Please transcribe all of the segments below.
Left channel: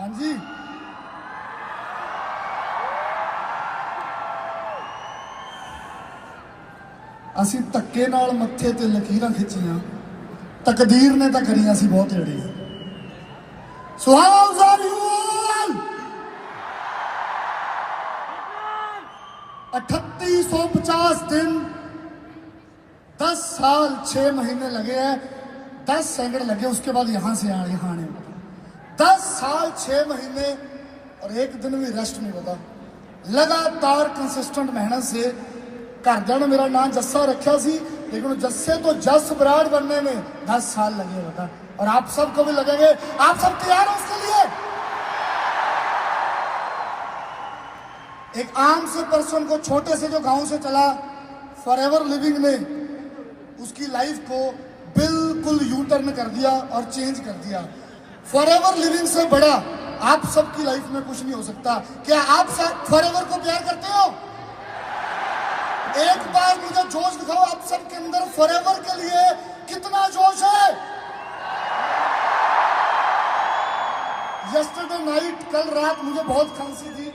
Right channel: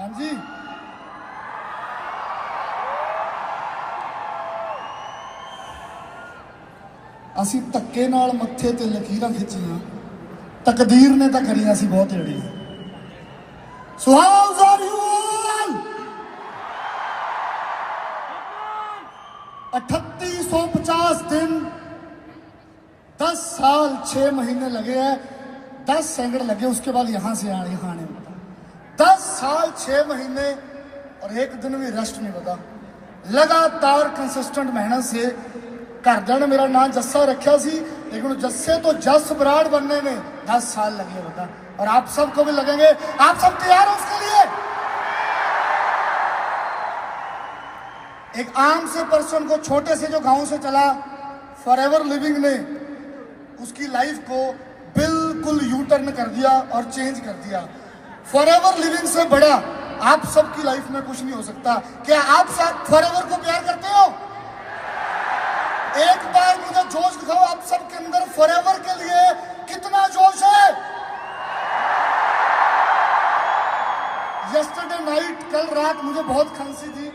हाँ जी, ਅਸੀਂ ਧੱਕੇ ਨਾਲ ਮੱਥੇ ਤੇ ਲਕੀਰਾਂ ਖਿੱਚੀਆਂ, ਤਕਦੀਰ ਨੇ ਤਾਂ ਕਰੀਆਂ ਸੀ ਬਹੁਤ ਏੜੀਆਂ। ਸੁਹਾਗ ਸਾਹਿਬ ਯੂਲ 3850 दिन 10 साल 6 महीने लगे हैं, 10 सैकड़े लगे, उसके बाद यहाँ से यहाँ आने 10 साल 6 महीने और एक दिन भी रेस्ट नहीं होता। लगातार कंसिस्टेंट मेहनत से घरदियों ने मेरा नाम जस्सा रखा सी, लेकिन जस्से तो जस बराड़ बनने में 10 साल लगे होगा और आप सबको भी लगेंगे। आप सब तैयार हैं इसके लिए? एक आम से पर्सन को छोटे से जो गांव से चला फॉरएवर लिविंग ने उसकी लाइफ को बिल्कुल यू टर्न कर दिया और चेंज कर दिया। फॉरएवर लिविंग से बड़ा आप सबकी लाइफ में कुछ नहीं हो सकता। क्या आप सब फॉरएवर को प्यार करते हो? एक बार मुझे जोश दिखाओ, आप सबके अंदर फॉरएवर के लिए कितना जोश है? यस्टरडे नाइट, कल रात मुझे बहुत खांसी थी,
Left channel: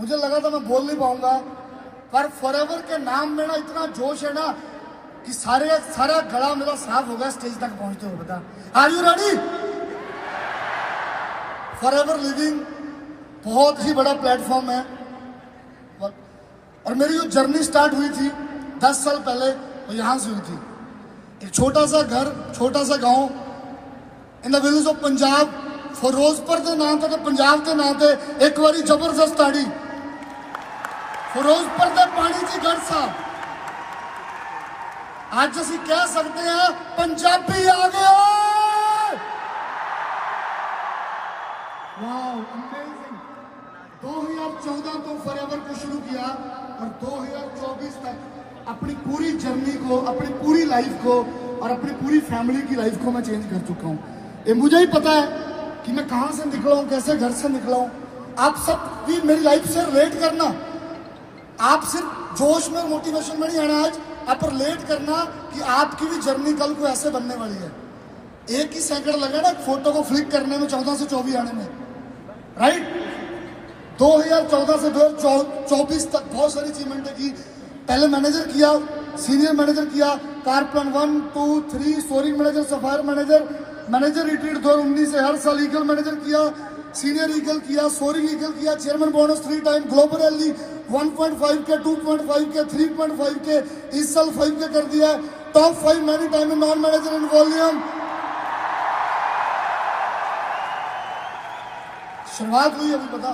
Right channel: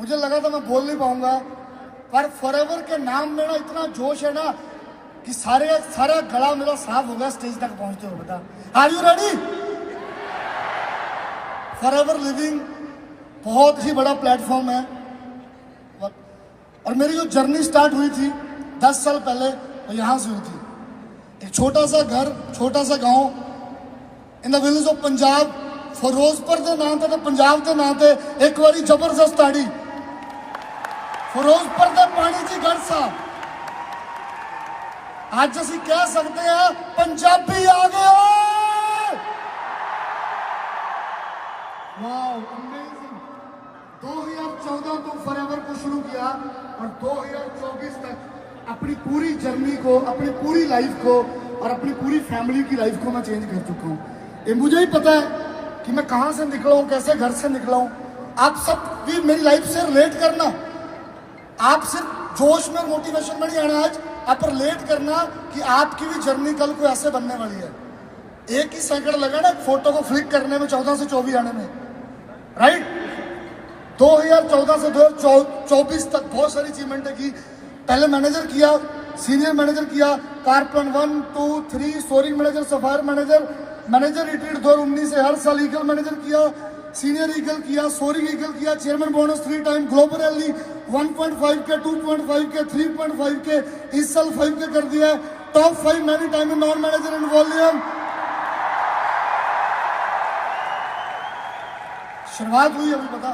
मुझे लगा था मैं बोल नहीं पाऊंगा, पर फॉरएवर के नाम में ना इतना जोश है ना कि सारा गला मेरा साफ हो गया स्टेज तक पहुंचते हो। बता, are you ready? Forever Living बहुत ही बड़ा प्लेटफॉर्म है और मेरी जो जर्नी स्टार्ट हुई थी 10 साल पहले वो यहाँ से हुई थी। एक छोटा सा घर, छोटा सा गांव in the village of Punjab, Firozpur के नाम से, पंजाब के नाम से एक बारी जबरदस्त आड़ी फिरोजपुर के पानी की गढ़ साहब। आज असी कह सकते हैं पंजाबी आ गया। वाह, अमेजिंग। 2014 को फॉरएवर को शुरू किया और 2024 तक अपनी पूरी जर्नी को, अपनी पूरी लाइफ को और अपनी पूरी फैमिली की लाइफ को मैं चेंज कर चुका हूँ। ये मुझे ही पता है कि मैं कहाँ से निकला हूँ, कैसे घर से निकला हूँ। आप सब भी मेरी लाइफ से रिलेट करना, आप सिर्फ जोश में, मोटिवेशन में नहीं आना, आज आप रिलेट करना कि आपकी भी जर्नी कल को ऐसे बनने वाली है। एक ही सेकंड लगा ना फोटो को फ्लिक करने में, 14 से 24 आने में, राइट? 2014 से 2024 तक बहुत सारी अचीवमेंट की। पहले मैनेजर किया, सीनियर मैनेजर किया, कारपन 1, 2, 3, storing manager, sapphire manager, manager retreat 2019 से हर साल ईगल मैनेजर किया, सीनियर ईगल किया, स्टोरिंग ईगल किया, chairman bonus 3 time, global rally 1.5 के, 2.5 के, 3.5 के, इस साल 5 के कर दिया, top 5 many time in non manager in volume. शुरुआत हुई अभी पता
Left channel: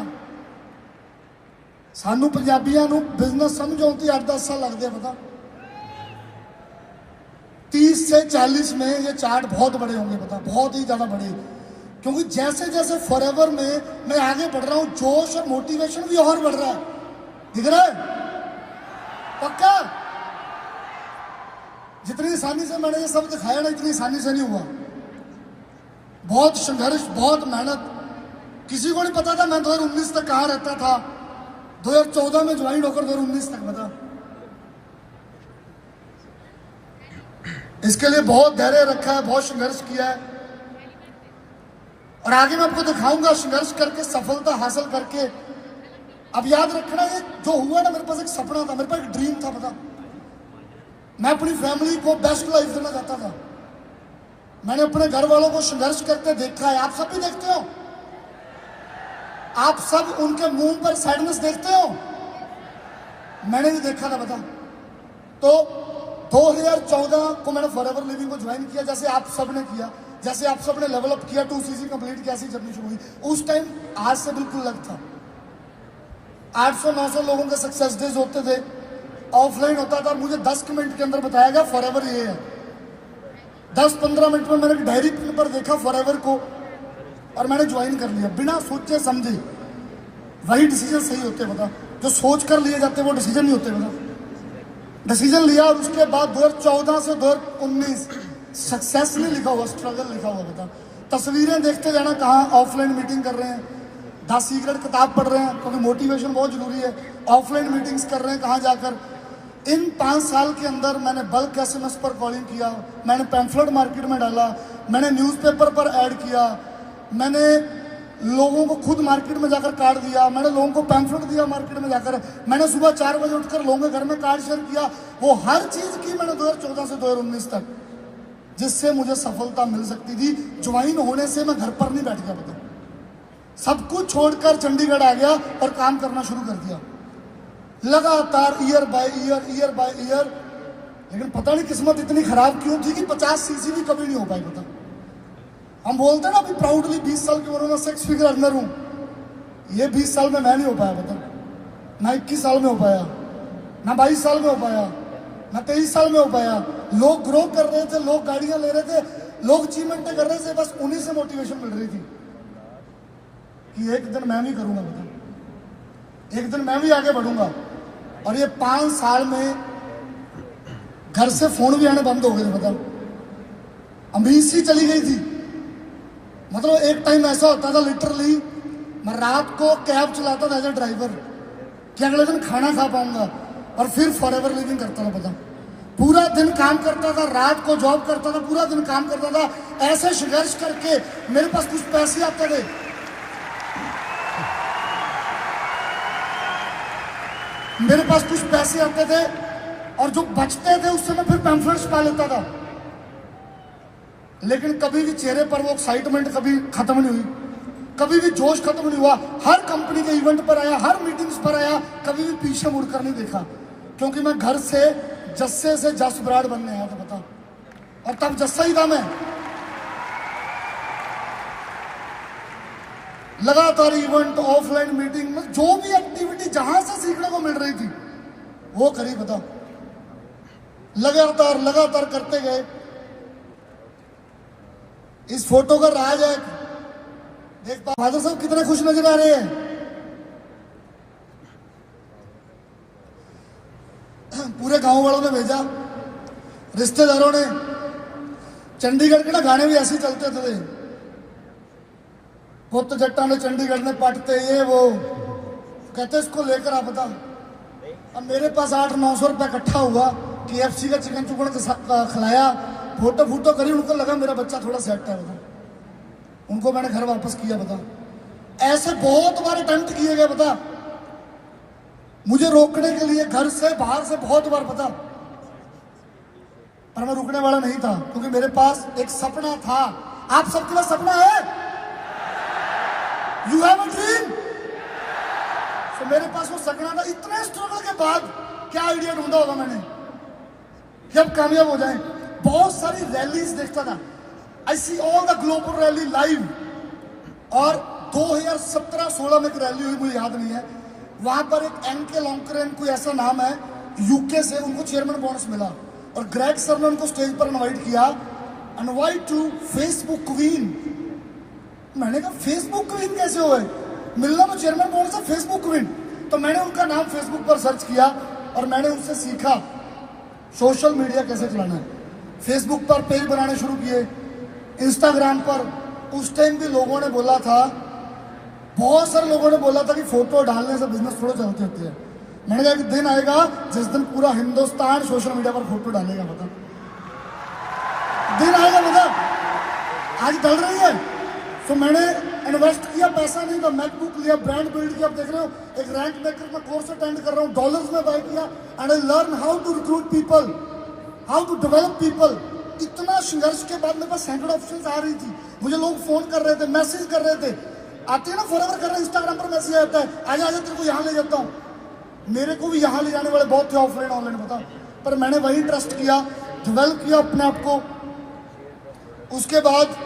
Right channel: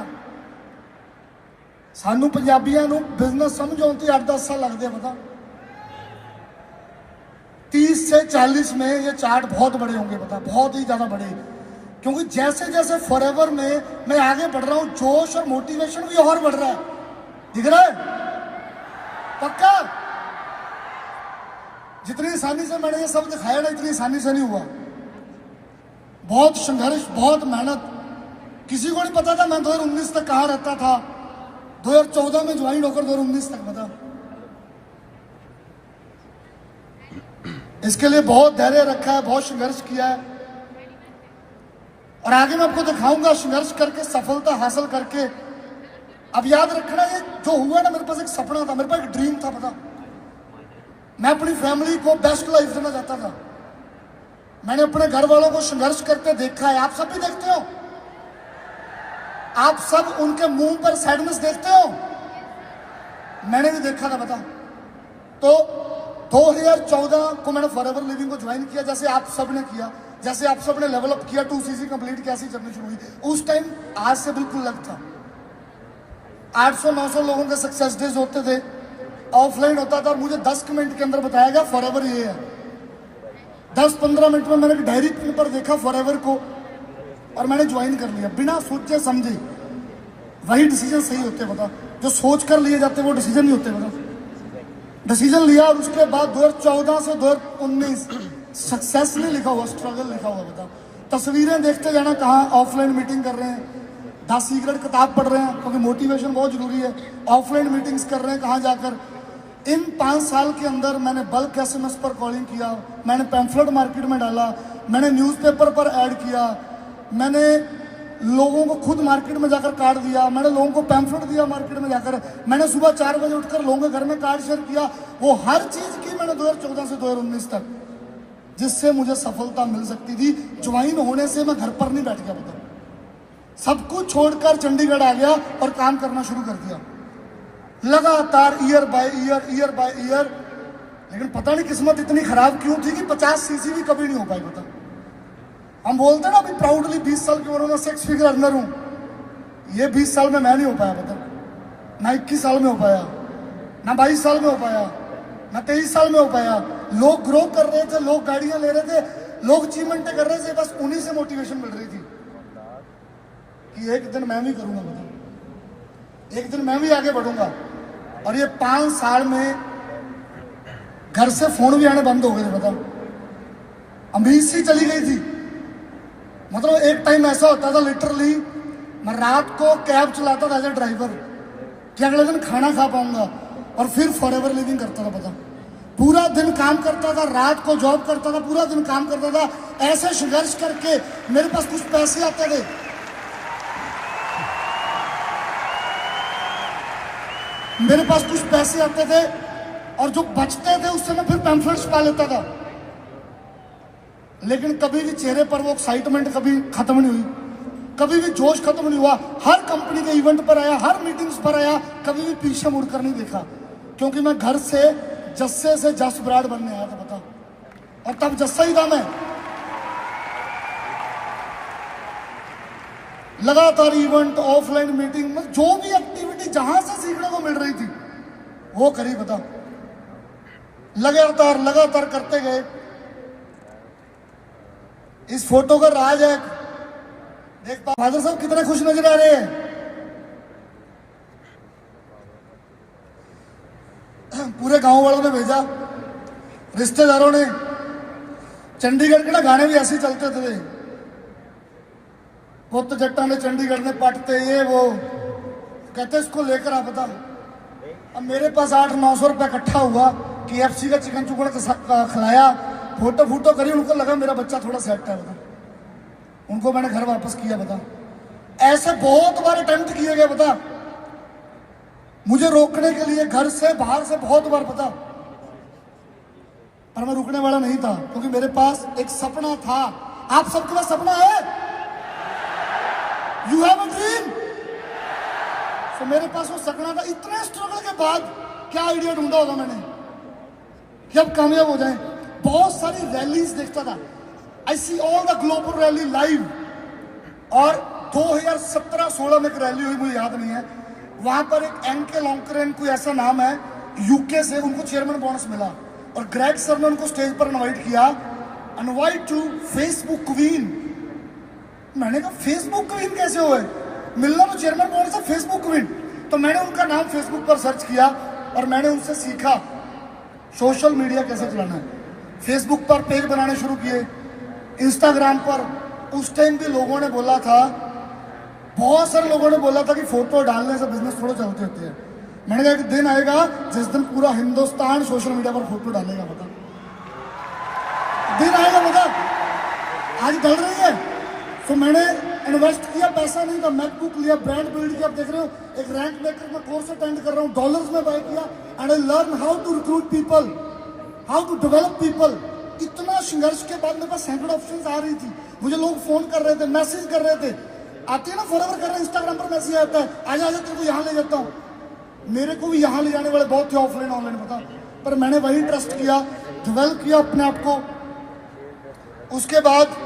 सानू पंजाबियों को बिजनेस समझ आती 8-10 साल लगते हैं। पता 30 से 40 में ये चार्ट बहुत बड़े होंगे, पता बहुत ही ज्यादा बड़े, क्योंकि जैसे जैसे फॉरएवर में मैं आगे बढ़ रहा हूं जोश और मोटिवेशन भी और बढ़ रहा है। दिख रहा है? पक्का? जितनी आसानी से मैंने ये सब दिखाया ना, इतनी आसानी से नहीं हुआ। बहुत संघर्ष, बहुत मेहनत। किसी को नहीं पता था मैं 2019 तक कहाँ रहता था, 2014 में ज्वाइन होकर 2019 तक। बता, इसके लिए बहुत धैर्य रखा है, बहुत संघर्ष किया है और आगे मैं आपको दिखाऊंगा संघर्ष करके, सफलता हासिल करके। अब याद रखना, ये जो हुआ ना, मेरे पास एक सपना था, मेरे पास एक ड्रीम था। पता, मैं अपनी फैमिली को बेस्ट लाइफ देना चाहता था। मैंने अपने घर वालों को संघर्ष करते देखा है, आप सब भी देखते हो, आप सब उनके मुंह पर सैडनेस देखते हो, मैंने भी देखा था। बता, तो 2014 को मैंने फॉरएवर लिविंग को ज्वाइन किया, जैसे आप सब ने किया, जैसे आप सब ने लेवल अप किया, 2CC कंप्लीट किया, ऐसी जर्नी शुरू हुई। उस टाइम आज से बिल्कुल अलग था। 800-900 लोगों के सक्सेस डेज होते थे, ऑफलाइन होता था। मुझे 10 मिनट के अंदर बताया गया फॉरएवर ये है। 10-15 मिनट में मैंने डायरी पर देखा फॉरएवर को और मैंने ज्वाइन कर लिया, बिना सोचे समझे। वही डिसीजन सही होते हैं। बता, जो सोच कर लिए जाते हैं वो डिसीजन नहीं होते। बता, डिसीजन लिया, उसके बाद 2014 से 2019 सक्सेस नहीं लिखा हुआ, स्ट्रगल लिखा हुआ। बता, तस्वीरें देखते जाना, कहाँ ऑफलाइन मीटिंग कर रहे हैं, 10 सीक्रेट किताब पढ़ रहे हैं, क्योंकि मोटिवेशन बहुत जरूरी है, ऑफलाइन मीटिंग्स कर रहे हैं कहाँ जाकर। इन 5 साल के अंदर मैंने बल्क SMS पर कॉलिंग किया, मैंने पैम्फलेट मार्केट में डाला, मैंने न्यूज़पेपर पर ऐड किया, मैंने लोगों को खुद मार्केट में जाकर कार्ड दिया, मैंने लोगों को पैम्फलेट दिया मार्केट में जाकर, मैंने सुबह 4 बजे उठकर लोगों के घर में कार्ड शेयर किया। वो हर चीज की मैंने 2014 से 2019 तक, जिससे मुझे सफलता मिल सकती थी। ज्वाइन होने से मैं घर पर नहीं बैठ गया, बता, सब कुछ छोड़कर चंडीगढ़ आ गया और काम करना शुरू कर दिया लगातार, ईयर बाय ईयर। लेकिन पता नहीं किस्मत इतनी खराब क्यों थी कि 50 सीसी भी कभी नहीं हो पाई। बता, हम बोलते ना अभी प्राउडली 20 साल की उम्र में 6 फिगर अर्नर हूं, ये 20 साल में मैं नहीं हो पाया। बता, ना 21 साल में हो पाया, ना 22 साल में हो पाया, ना 23 साल में हो पाया। लोग ग्रो कर रहे थे, लोग गाड़ियां ले रहे थे, लोग अचीवमेंट कर रहे थे, बस उन्हीं से मोटिवेशन मिल रही थी कि एक दिन मैं भी करूंगा। बता, एक दिन मैं भी आगे बढ़ूंगा। और ये 5 साल में घर से फोन भी आने बंद हो गए। बताओ, अमीर सी चली गई थी। मतलब एक टाइम ऐसा होता था लिटरली, मैं रात को कैब चलाता था एज ए ड्राइवर कि अगले दिन खाना खा पाऊंगा, और फिर फॉरएवर लिविंग करता था। पता, पूरा दिन काम करता था, रात को जॉब करता था, पूरा दिन काम करता था। ऐसे संघर्ष करके मेरे पास कुछ पैसे आते थे, मेरे पास कुछ पैसे आते थे, और जो बचते थे उससे मैं फिर पैम्फलेट्स पा लेता था। लेकिन कभी भी चेहरे पर वो एक्साइटमेंट कभी खत्म नहीं हुई, कभी भी जोश खत्म नहीं हुआ। हर कंपनी के इवेंट पर आया, हर मीटिंग्स पर आया, कभी भी पीछे मुड़कर नहीं देखा, क्योंकि मैं घर से जस्से से जस ब्राड बनने आया था। बता, और तब जस्सा ही था मैं। लगातार इवेंट, ऑफलाइन मीटिंग में जो भी एक्टिविटी जहां से सीखने को मिल रही थी वो करी। बता, लगातार करते गए। इस फोटो का राज है, देख फादर साहब कितने खुश नजर आ रहे हैं। पूरे गांव वालों ने भेजा, रिश्तेदारों ने। चंडीगढ़ के ना गाने भी ऐसे चलते थे, पुत जट्टा ने चंडीगढ़ में पटते, ये वो कहते इसको लेकर आ। बता, अब मेरे पास 800-900 रुपया इकट्ठा हुआ, KFC का चिकन चुकन खिलाया, फोटो करी, उनको लगा मेरा बच्चा थोड़ा सेट है। बता, उनको मैंने घर वापस किया। बता, ऐसे बहुत बार अटेम्प्ट किए गए। बता, मुझे रोकने के लिए घर से बाहर से बहुत बार। पता, पर मैं रुकने वाला नहीं था, क्योंकि मेरे पास एक सपना था। आप सबके पास सपना है? You have a dream. तो मेरे पास वो सपना था। इतने स्ट्रगल के बाद क्या आइडिया ढूंढा होगा मैंने कि अब कामयाब हो जाए। बहुत सारी रैलीज देखता था, I see all the global rally live. और 2017-16 में एक रैली हुई, मुझे याद नहीं है, वहां पर एक एनके लॉन्करेन कोई ऐसा नाम है, यूके से, उनको चेयरमैन बोनस मिला, और ग्रेग सर ने उनको स्टेज पर इनवाइट किया, इनवाइट टू फेसबुक क्वीन। मैंने कहा फेसबुक क्वीन कैसे हुए, मिलना तो चेयरमैन बोनस है, फेसबुक क्वीन। तो मैंने उनका नाम फेसबुक पर सर्च किया और मैंने उनसे सीखा सोशल मीडिया कैसे चलाना। फेसबुक पर पेज बनाने शुरू किए, इंस्टाग्राम पर। उस टाइम भी लोगों ने बोला था, बहुत सारे लोगों ने बोला था कि फोटो डालने से बिजनेस थोड़े चलते होते हैं। मैंने कहा एक दिन आएगा जिस दिन पूरा हिंदुस्तान सोशल मीडिया पर फोटो डालेगा। बता, दिन आएगा। बता, आज डाल रही है। तो मैंने इन्वेस्ट किया, पैसा नहीं था, मैकबुक लिया, ब्रांड बिल्ड किया। आप देख रहे हो, एक रैंक मेकर में कोर्स अटेंड कर रहा हूँ, डॉलर्स में बाय किया, and I learn how to recruit people, how to develop people. इतना संघर्ष के बाद मेरे पास सैकड़ों ऑप्शंस आ रही थी, मुझे लोग फोन कर रहे थे, मैसेज कर रहे थे। आते हैं ना फॉरएवर कर रहे हैं, इंस्टाग्राम पर मैसेज आता है, आजा तेरे को यहाँ ले जाता हूँ। मेरे को भी यहाँ ले जाने वाले बहुत थे, ऑफलाइन ऑनलाइन, पता। पर मैंने वही ट्रस्ट किया, डेवलप किया अपने आप को। उसके बाद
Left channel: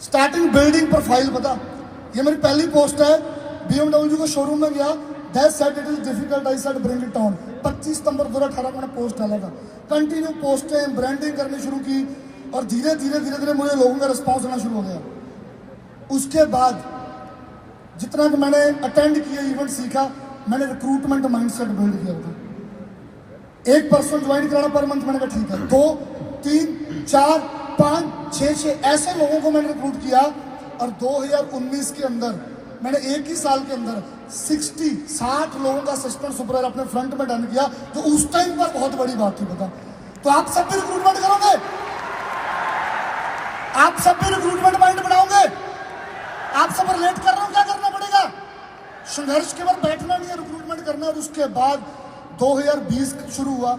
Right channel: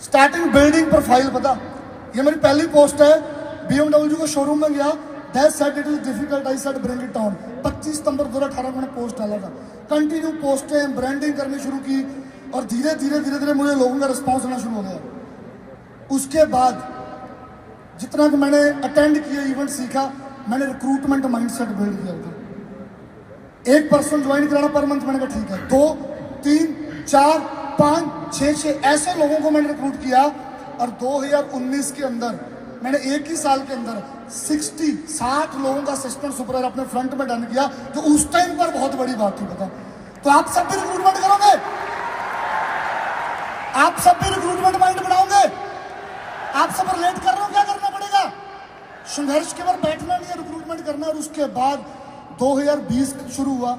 स्टार्टिंग बिल्डिंग प्रोफाइल। पता, ये मेरी पहली पोस्ट है। BMW के शोरूम में गया, that said it is difficult, I said bring it down. 25 सितंबर 2018 को मैंने पोस्ट डाला था। कंटिन्यू पोस्टें, ब्रांडिंग करनी शुरू की, और धीरे धीरे मुझे लोगों का रिस्पॉन्स आना शुरू हो गया। उसके बाद जितना भी मैंने अटेंड किया, इवेंट सीखा, मैंने रिक्रूटमेंट माइंडसेट बिल्ड किया था। 1 पर्सन ज्वाइन कराना पर मंथ, मैंने कहा ठीक है। 2, 3, 4, 5, 6 ऐसे लोगों को मैंने रिक्रूट किया। और 2019 के अंदर मैंने एक ही साल के अंदर 60 लोगों का असिस्टेंट सुपरवाइजर अपने फ्रंट में डन किया, जो उस टाइम पर बहुत बड़ी बात थी। पता, तो आप सब भी रिक्रूटमेंट करोगे? आप आप सब भी रिक्रूटमेंट माइंड बनाओगे? आप सब रिलेट कर रहे हो? क्या करना पड़ेगा? संघर्ष के बाद बैठना नहीं है, रिक्रूटमेंट करना है। और उसके बाद 2020 शुरू हुआ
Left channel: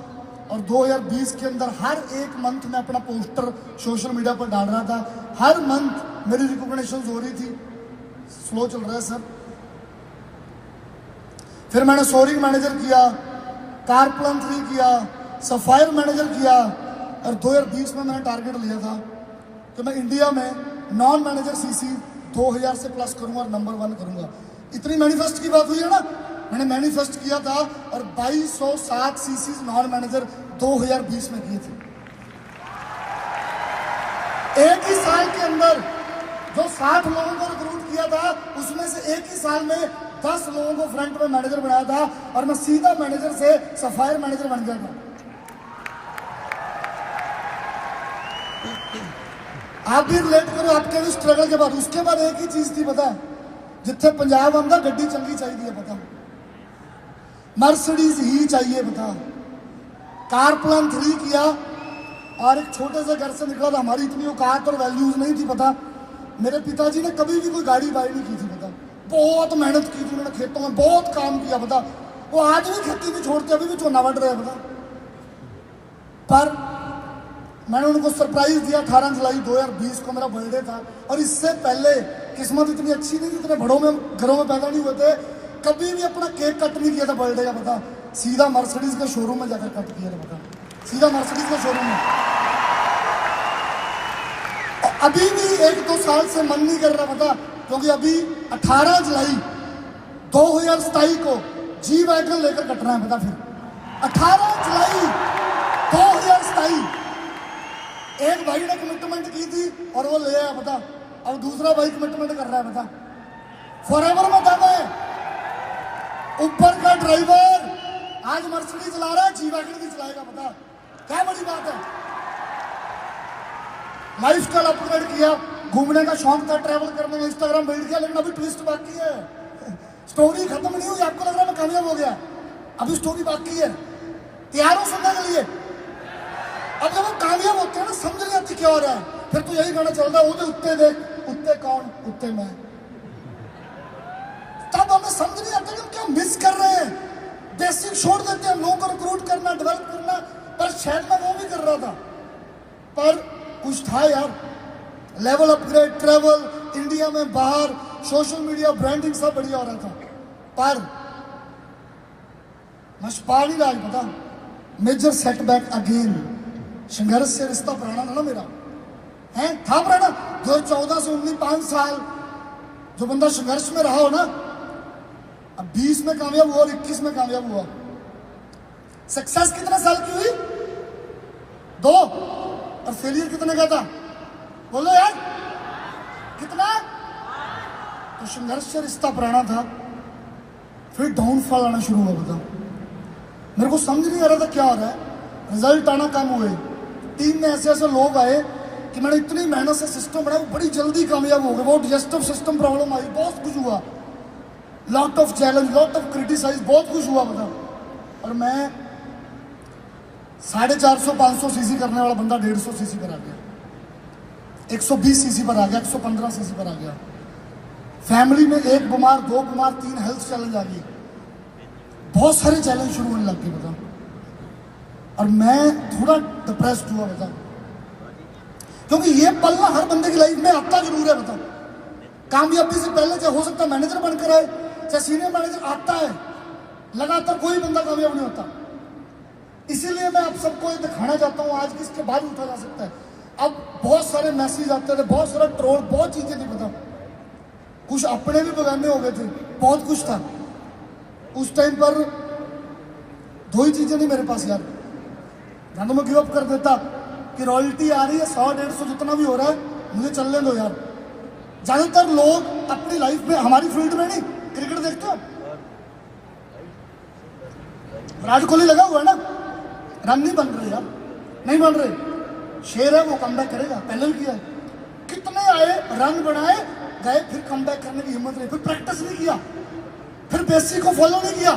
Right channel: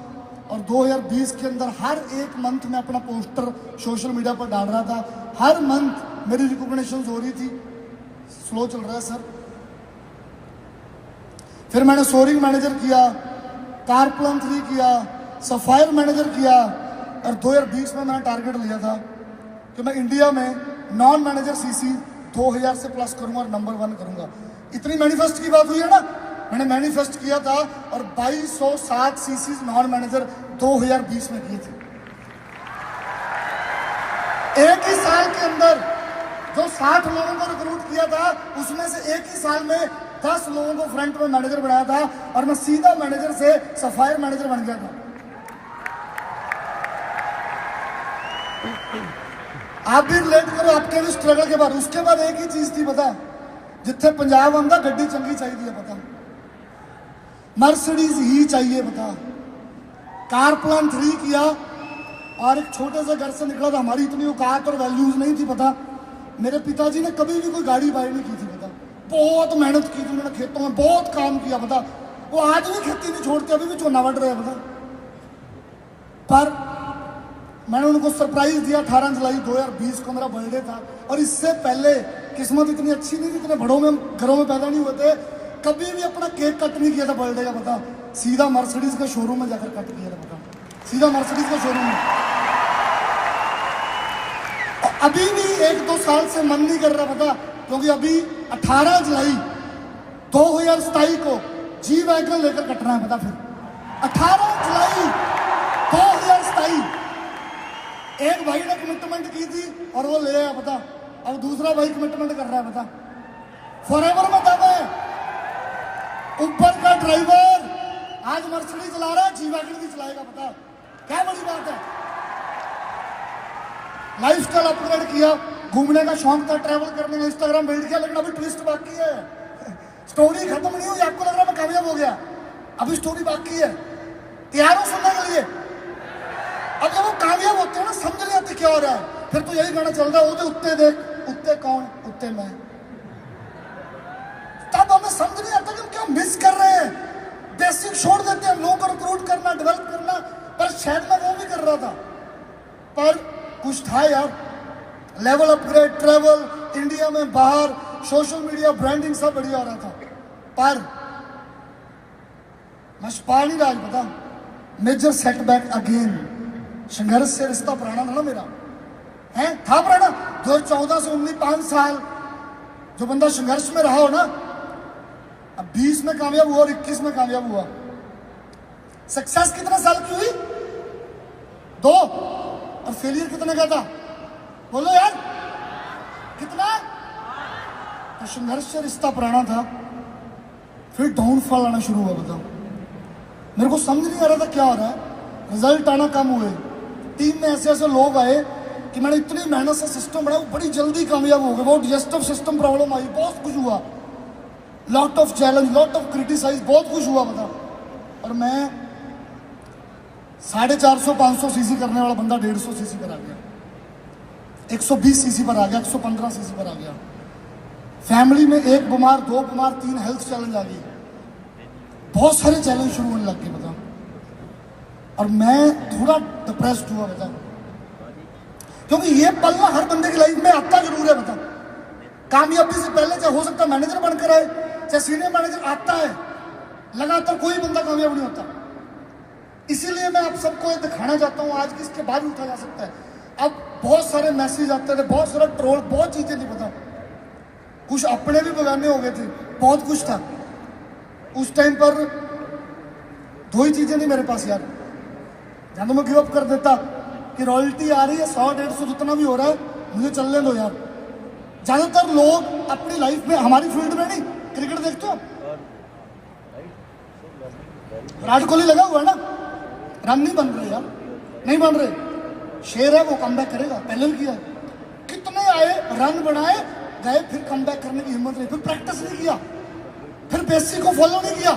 और 2020 के अंदर हर एक मंथ में अपना पोस्टर सोशल मीडिया पर डाल रहा था। हर मंथ मेरी रिकॉग्निशन हो रही थी। स्लो चल रहा है सर। फिर मैंने सोरिंग मैनेजर किया, कारप्लान 3 किया, सफायर मैनेजर किया और 2020 में मैंने टारगेट लिया था कि मैं इंडिया में नॉन मैनेजर सीसी 2000 से प्लस करूंगा और नंबर 1 करूंगा। इतनी मैनिफेस्ट की बात हुई है ना, मैंने मैनिफेस्ट किया था और 2207 सीसी नॉन मैनेजर 2020 में किए थे। एक ही साल के अंदर जो 60 लोगों को रिक्रूट किया था, उसमें से एक ही साल में 10 लोगों को फ्रंट में मैनेजर बनाया था और मैं सीधा मैनेजर से सफायर मैनेजर बन गया था। आप भी रिलेट करो आपके लिए स्ट्रगल के बाद। उसके बाद एक ही चीज थी पता, जिथे पंजाब आंदा गड्डी चंगी चाहिए पता, मर्सिडीज ही चाहिए पता। कारप्लान 3 किया और एक छोटे से घर से निकला था। हमारी इतनी औकात और वैल्यूज नहीं थी पता। मेरे पिताजी ने कभी भी कोई गाड़ी बाय नहीं की थी पता। बहुत मेहनत की थी उन्होंने, खेतों में बहुत काम किया पता। वो आज भी खेती नहीं छोड़ते, अभी भी चोना बढ़ रहा है पता। पर मैंने उनको सरप्राइज दिया। 18 जुलाई 2020 को मेरा बर्थडे था और इससे पहले किस्मत इतनी अच्छी नहीं, इतने बड़ों में घरों में पैदा नहीं होते, कभी भी अपना केक कट नहीं किया था बर्थडे का पता। सीधा मर्सिडीज के शोरूम में जाकर कट किया था पता, सीधा मर्सिडीज के शोरूम में। अभी भी 1-2 साल से मन नहीं कर रहा पता, क्योंकि अभी 18 जुलाई 2027 को जी वैगन लेकर कटना है पता। फिर 18 जुलाई 2027 एक भाई ने कमिटमेंट की थी और वो ले आया पता। अब दूसरा भाई कमिटमेंट कर रहा है पता। फॉरएवर में दादा है, ऊपर का ड्राइवर आज मर्सिडीज चला रहा है, जी वैगन भी चलाएगा पता। क्या बड़ी बात है। लाइफ स्टाइल अपग्रेड किया, घूमने का शौक था, ट्रैवल करने में, इंस्टाग्राम बिल्ड किया, लेकिन अभी ट्विस्ट बाकी है। स्टोरी खत्म नहीं हुई। आपको लग रहा है मैं कामयाब हो गया, अभी स्टोरी बाकी है। तैयार हो सुनने के लिए? अब जब वो कामयाब होते हैं ना, समझ नहीं आती क्या हो रहा है। फिर तो यही गाना चल रहा है, वो उत्ते देख, उत्ते कौन, उत्ते मैं। तब हमें समझ नहीं आता कि क्या मिस कर रहे हैं। बेसिक छोड़ देते हैं, लोगों को रिक्रूट करना, डेवलप करना। पर शायद मैं वो भी कर रहा था, पर कुछ था यार। लेवल अपग्रेड, ट्रैवल, इंडिया में बाहर, सोशल मीडिया, ब्रांडिंग सब बढ़िया हो रहा था। पर मैं पा नहीं रहा पता। Major setback again. संघर्ष से रिश्ता पुराना ना मेरा है, था पुराना। 2014 से 19 5 साल जो बंदा संघर्ष में रहा हो ना, अब 20 में कामयाब हुआ और 21 में कामयाब हुआ। सक्सेस कितने साल की हुई? 2। और फेलियर कितने का था? बोलो यार कितना? तो संघर्ष से रिश्ता पुराना था, फिर डाउनफॉल आना शुरू हुआ बता। मेरे को समझ नहीं आ रहा था क्या हो रहा है। रिजल्ट आना कम हुए, टीम में ऐसे ऐसे लोग आए कि मैंने इतनी मेहनत से सिस्टम बनाया, बड़ी जल्दी कामयाब हो गए। वो डिजेस्टिव सिस्टम प्रॉब्लम आई, बहुत कुछ हुआ, lot of challenge, lot of criticize, बहुत कुछ हुआ बता। और मैं 450-500 सीसी करने वाला बंदा 150 सीसी पर आ गया, 120 सीसी पर आ गया, 115 सीसी पर आ गया। फैमिली में 1 बीमार, 2 बीमार, 3 हेल्थ चैलेंज आ गई, बहुत सारे चैलेंज शुरू होने लग गए बता। और मैं थोड़ा डिप्रेस्ड हुआ बता, क्योंकि ये पल ना हर बंदे की लाइफ में आता जरूर है बता। कामयाबी से पहले चाहे हो सकता है मैनेजर बनकर आए, चाहे सीनियर मैनेजर आता है, लगातार कोई बंदा कामयाब नहीं होता। इसीलिए मैं आप सबको दिखाना चाहता हूँ आज कि इसके बाद उठा जा सकता है। अब बहुत सारे मैसेज आते थे, बहुत सारा ट्रोल, बहुत चीजें थी बताओ, कुछ अपने भी बगाने हो गए थे, बहुत कुछ था उस टाइम पर। 2 ही चीजें नहीं मेरे पास यार, या तो मैं गिव अप कर देता कि रॉयल्टी आ रही है 100-150 जितना भी हो रहा है, मुझे चलने दो यार। ज्यादातर लोग अपनी लाइफ में, हमारी फील्ड में नहीं, क्रिकेट देखते हो, विराट कोहली लगा हुआ ना, रन नहीं बन रहे यार, नहीं बन रहे। शेर है, वो कमबैक करेगा, पहले किया, कितने आए, रन बनाए, गए, फिर कमबैक करने की हिम्मत नहीं, फिर प्रैक्टिस नहीं किया, फिर बेसिक को फॉलो नहीं किया।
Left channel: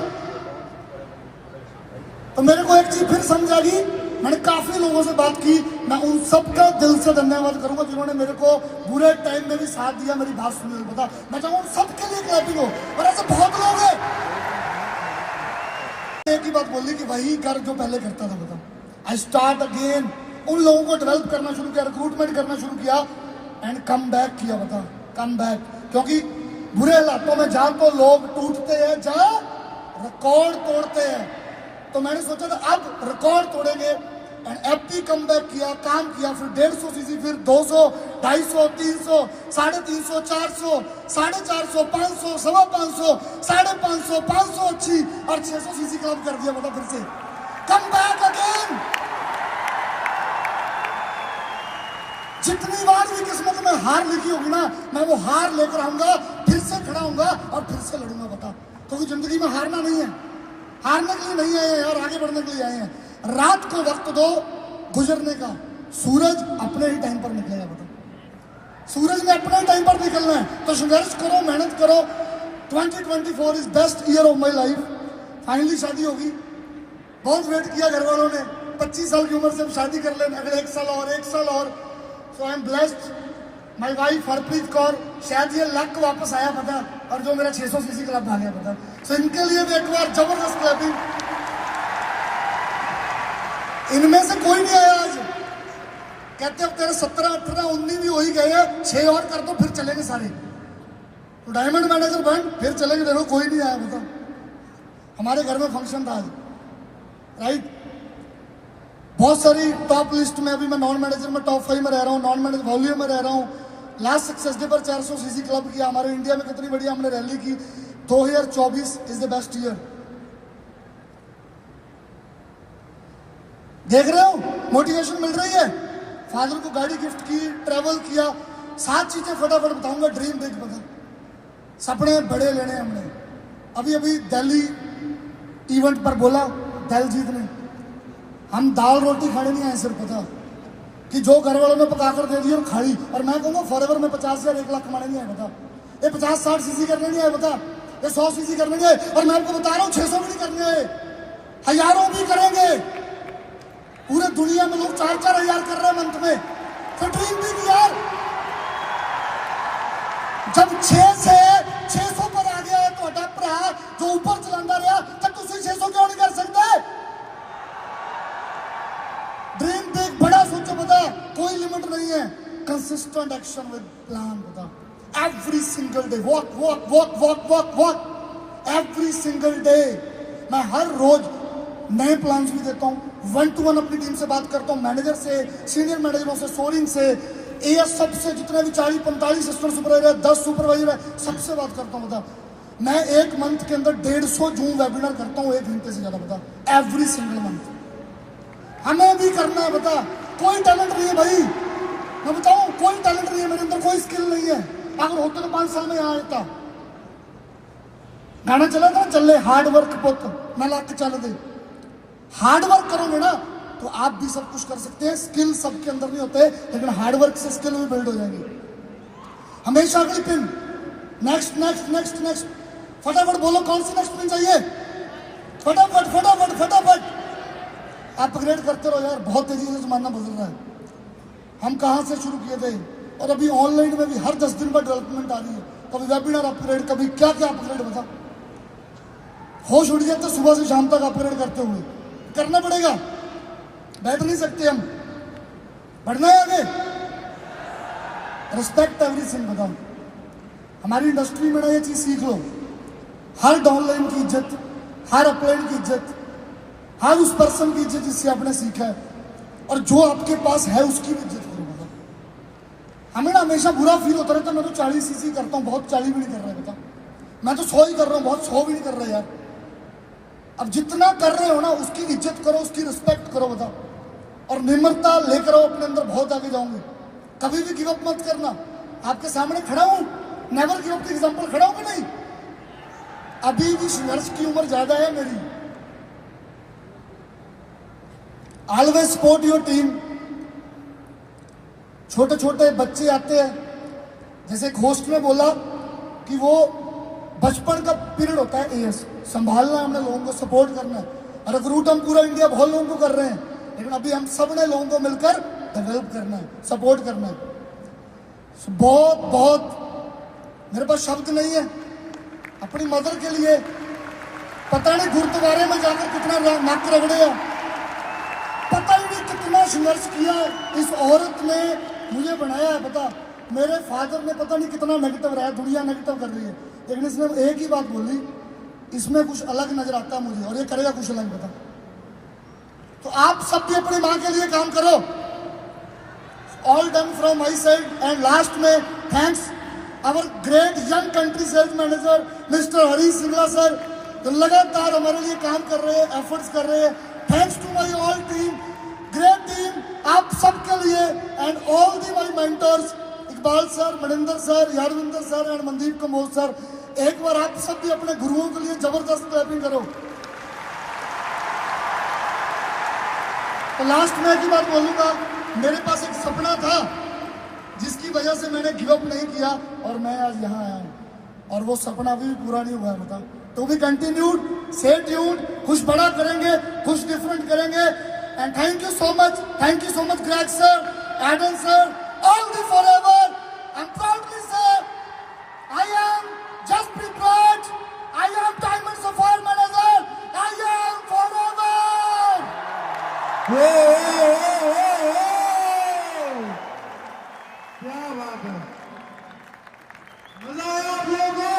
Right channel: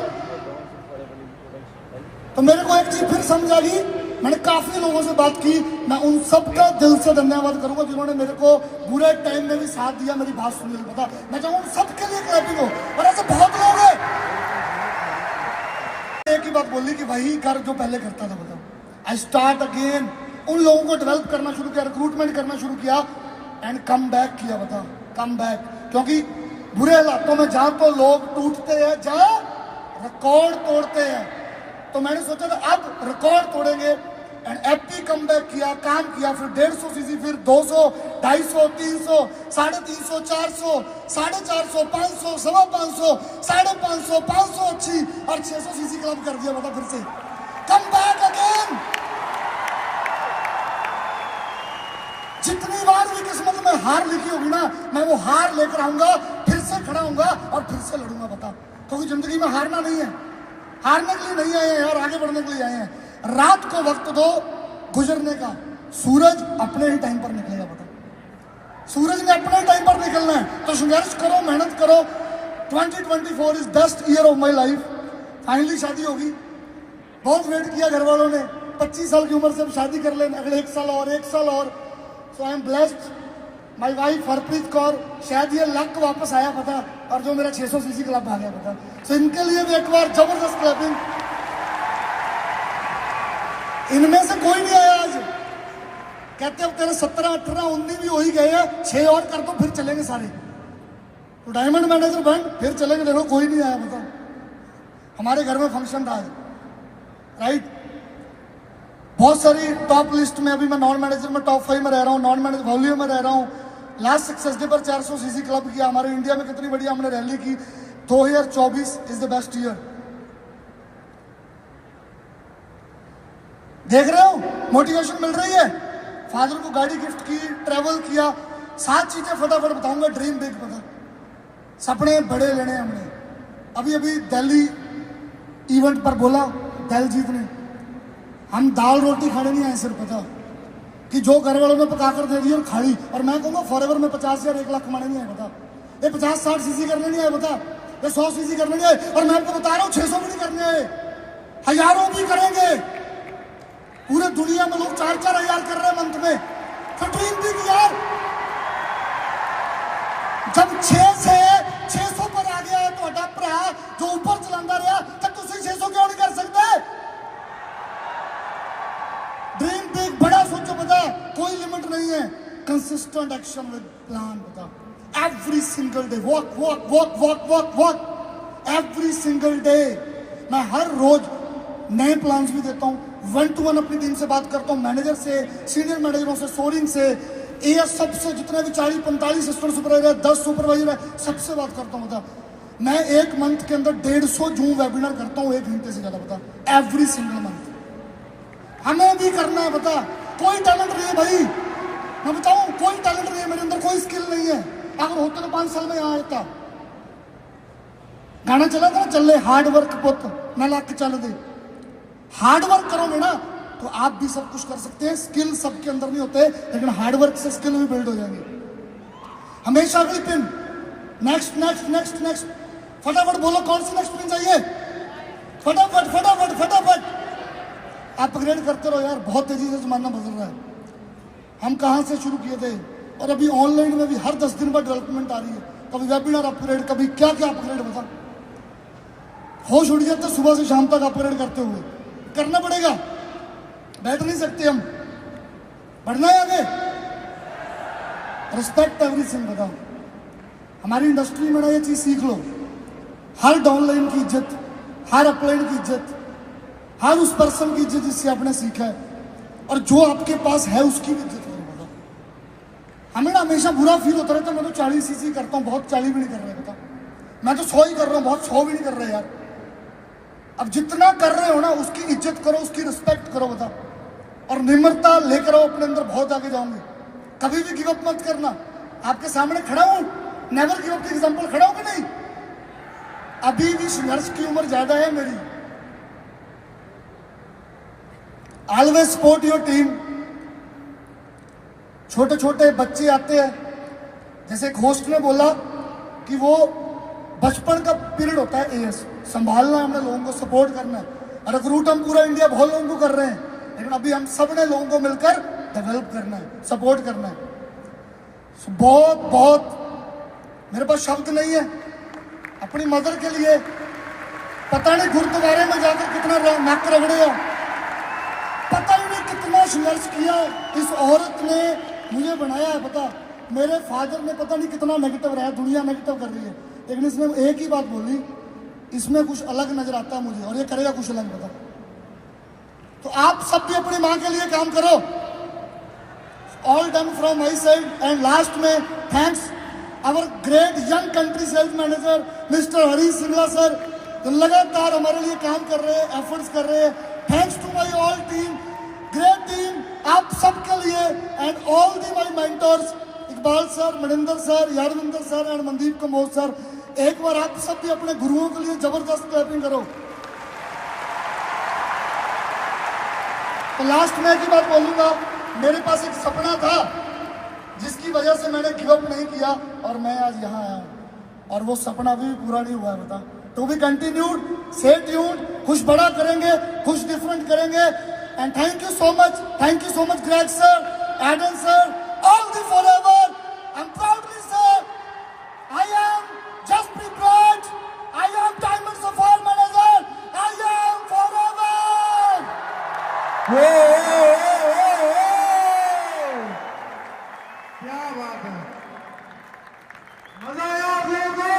तो मेरे को एक चीज फिर समझ आ गई, मैंने काफी लोगों से बात की, मैं उन सबका दिल से धन्यवाद करूंगा जिन्होंने मेरे को बुरे टाइम में भी साथ दिया, मेरी बात सुनने को। मैं चाहूंगा उन सबके लिए क्लैपिंग हो। और ऐसे बहुत लोग हैं। एक ही बात बोली कि वही कर जो पहले करता था, बता आई स्टार्ट अगेन। उन लोगों को डेवलप करना शुरू किया, रिक्रूटमेंट करना शुरू किया एंड कम बैक किया, बता कम बैक। क्योंकि बुरे हालातों में जहां तो लोग टूटते हैं, जहां रिकॉर्ड तोड़ते हैं, तो मैंने सोचा था अब रिकॉर्ड तोड़ेंगे एंड एपी कम बैक किया, काम किया। फिर 150 सीसी, फिर 200, 250, 300, 350, 400, 450, 500, 550, 550, 500 अच्छी और 600 सीसी क्लब कर दिया। बता फिर से कम बैक अगेन। जितनी बार भी किस्मत में हार लिखी होगी ना, मैं वो हार लेकर आऊंगा, फिर से खड़ा होऊंगा और फिर से लड़ूंगा। बता क्योंकि जिंदगी में हारना नहीं है, हारने के लिए नहीं आए हैं यार, आगे बढ़ने के लिए आए हैं। रात को वक्त दो गुजरने का, सूरज अपने ही टाइम पर निकलेगा। बता सूरज ने अपने टाइम पर निकलना है, तो संघर्ष करो, मेहनत करो। 2024 is best year of my life. Finally शादी होगी। बहुत वेट किया घर वालों ने, 25 साल की उम्र से अब शादी कर लेना, अगले 1 साल और 1 साल और। So I am blessed. My wife Harpreet Kaur, शायद ये लक वापस आया पता, और जो मेरा 600 सीसी क्लब आ गया पता। सो इनके लिए भी एक बार जबरदस्त क्लबिंग। इनमें से कोई नहीं आया आज, कहते अब तेरे 17, 18, 19 भी हो ही गए हैं, 6 और कर दो फिर चलेंगे सारे। तो डायमंड मैनेजर बन फिर चलेंगे। देखो कोई नहीं आया बता। हमारे घर में फंक्शन था राइट, बहुत सारी टॉप लिस्ट में। अभी मैं नॉन मैनेजर में टॉप 5 में रह रहा हूँ, नॉन मैनेजर वॉल्यूम में रह रहा हूँ। लास्ट सक्सेस डे पर 400 सीसी क्लब किया। हमारे इंडिया में कितनी बढ़िया हमने रैली की। 2024 इज द बेस्ट ईयर। देख रहे हो मोटिवेशन मिल रही है। फादर को गाड़ी गिफ्ट की, ट्रैवल किया, 7 चीजें फटाफट बताऊंगा। ड्रीम बिग बता, सपने बड़े लेने हमने। अभी अभी दिल्ली इवेंट पर बोला दिलजीत ने, हम दाल रोटी खाने नहीं आए सिर्फ, पता कि जो घर वालों ने पका कर दे दी और खाई। और मैं कहूँगा फॉरएवर में 50 या 1 लाख कमाने नहीं आए बता। ये 50-60 सीसी करने नहीं आए बता, ये 100 सीसी करने नहीं आए। और मैं आपको बता रहा हूँ 600 भी नहीं करने आए, हजारों भी करेंगे। पूरे दुनिया में लोग 4-4 हजार कर रहे हैं मंथ में। तो ड्रीम बिग यार। जब 6 से 600 पर आ गया है तो अडैप्ट रहा, जो ऊपर चलाता रहा, तब तुम 600 क्यों नहीं कर सकते? ड्रीम बिग, बड़ा सोचो बता, कोई लिमिट नहीं है। कंसिस्टेंट एक्शन विद प्लान बता। Every single day walk walk walk walk walk walk, every single day. मैं हर रोज नए प्लान्स भी देता हूँ। 1-to-1 अपनी टीम से बात करता हूँ, मैनेजर से, सीनियर मैनेजरों से, सोरिंग से, एएस सबसे, जितने भी 40-45 असिस्टेंट सुपरवाइजर, 10 सुपरवाइजर है, सबसे बात करता हूँ बता। मैं एक मंथ के अंदर 150 जूम वेबिनार करता हूँ, 1 घंटे से ज्यादा बता, एवरी सिंगल मंथ। हमें भी करना है बता। कोई टैलेंट नहीं है भाई, मैं बताऊं कोई टैलेंट नहीं है मेरे अंदर, कोई स्किल नहीं है। अगर होता तो 5 साल में यहाँ होता। गाना चला था चल हार्ड वर्क पुत मैं लाख के चल दे। हार्ड वर्क करोगे ना तो आप भी सब कुछ कर सकते हैं। स्किल सबके अंदर नहीं होते, लेकिन हार्ड वर्क से स्किल भी बिल्ड हो जाएंगे। हमेशा अगली pin, next next next next, फटाफट बोलो कौन सी नेक्स्ट पिन चाहिए, फटाफट फटाफट फटाफट अपग्रेड करते रहो यार। बहुत तेजी से जमाना बदल रहा है। हम कहाँ से शुरू किए थे और अभी ऑनलाइन में भी हर 10 दिन बाद डेवलपमेंट आ रही है। कभी वेबिनार अपग्रेड, कभी क्या क्या अपग्रेड, बता होश उड़ जाता सुबह से शाम तक अपग्रेड करते हुए। करना पड़ेगा, बैठ नहीं सकते हम, बढ़ना है आगे। रिस्पेक्ट एवरीथिंग बताओ। हमारी इंडस्ट्री में ना ये चीज सीख लो, हर डाउनलाइन की इज्जत, हर अपलाइन की इज्जत, हर उस पर्सन की इज्जत जिससे आपने सीखा है, और जो आपके पास है उसकी भी इज्जत करो। हमें ना हमेशा बुरा फील होता रहता है, मैं तो 40 सीसी करता हूँ, बहुत 40 भी नहीं कर रहा बता। मैं तो 100 ही कर रहा हूँ, बहुत 100 भी नहीं कर रहे यार। अब जितना कर रहे हो ना उसकी इज्जत करो, उसकी रिस्पेक्ट करो बता, और निम्रता लेकर आओ अपने अंदर, बहुत आगे जाओगे। कभी भी गिव अप मत करना। आपके सामने खड़ा हूं, नेवर गिव अप की एग्जांपल खड़ा हूं कि नहीं। अभी भी संघर्ष की उम्र ज्यादा है मेरी। Always support your team. छोटे छोटे बच्चे आते हैं, जैसे एक होस्ट ने बोला कि वो बचपन का पीरियड होता है एएस, संभालना हमने लोगों को, सपोर्ट करना है। और रिक्रूट हम पूरा इंडिया बहुत लोगों को कर रहे हैं, लेकिन अभी हम सब ने लोगों को मिलकर डेवलप करना है, सपोर्ट करना है। बहुत बहुत मेरे पास शब्द नहीं है अपनी मदर के लिए। पता नहीं गुरुद्वारे में जाकर कितना नाक रगड़े हो, पता ही नहीं कितना संघर्ष किया इस औरत ने मुझे बनाया है। पता मेरे फादर ने पता नहीं कितना नेगेटिव रहा, दुनिया नेगेटिव कर रही है, लेकिन इसने एक ही बात बोली, इसमें कुछ अलग नजर आता है मुझे और ये करेगा कुछ अलग। पता तो आप सब भी अपनी माँ के लिए काम करो। All done from my side. And last में thanks our great young country sales manager mister Harish Singla sir, जो लगातार हमारे लिए काम कर रहे हैं, एफर्ट्स कर रहे हैं। Thanks to my all team, great team आप सबके लिए। And all the my mentors Iqbal sir, Maninder sir, Yarvinder sir and Mandeep Kamor sir. एक बार आप सब भी अपने गुरुओं के लिए जबरदस्त क्लैपिंग करो। तो लास्ट में एक बात बोलूंगा, मेरे पास एक सपना था जिसकी वजह से मैंने गिव अप नहीं किया और मैं आज यहाँ आया हूँ, और वो सपना भी पूरा नहीं हुआ। बता तो भी कंटिन्यूड, स्टे ट्यून्ड, कुछ बड़ा करेंगे, कुछ डिफरेंट करेंगे। And thank you so much Greg sir, Aidan sir, all the Forever. And proudly sir, I am Jaspreet Raj, I am diamond sapphire manager, I am Forever. क्या बात है, मजा आया आप लोगों को।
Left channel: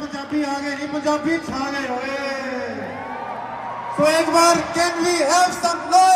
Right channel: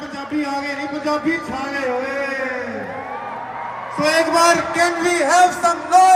पंजाबी आ गए नहीं, पंजाबी छा गए। So एक बार can we have some love?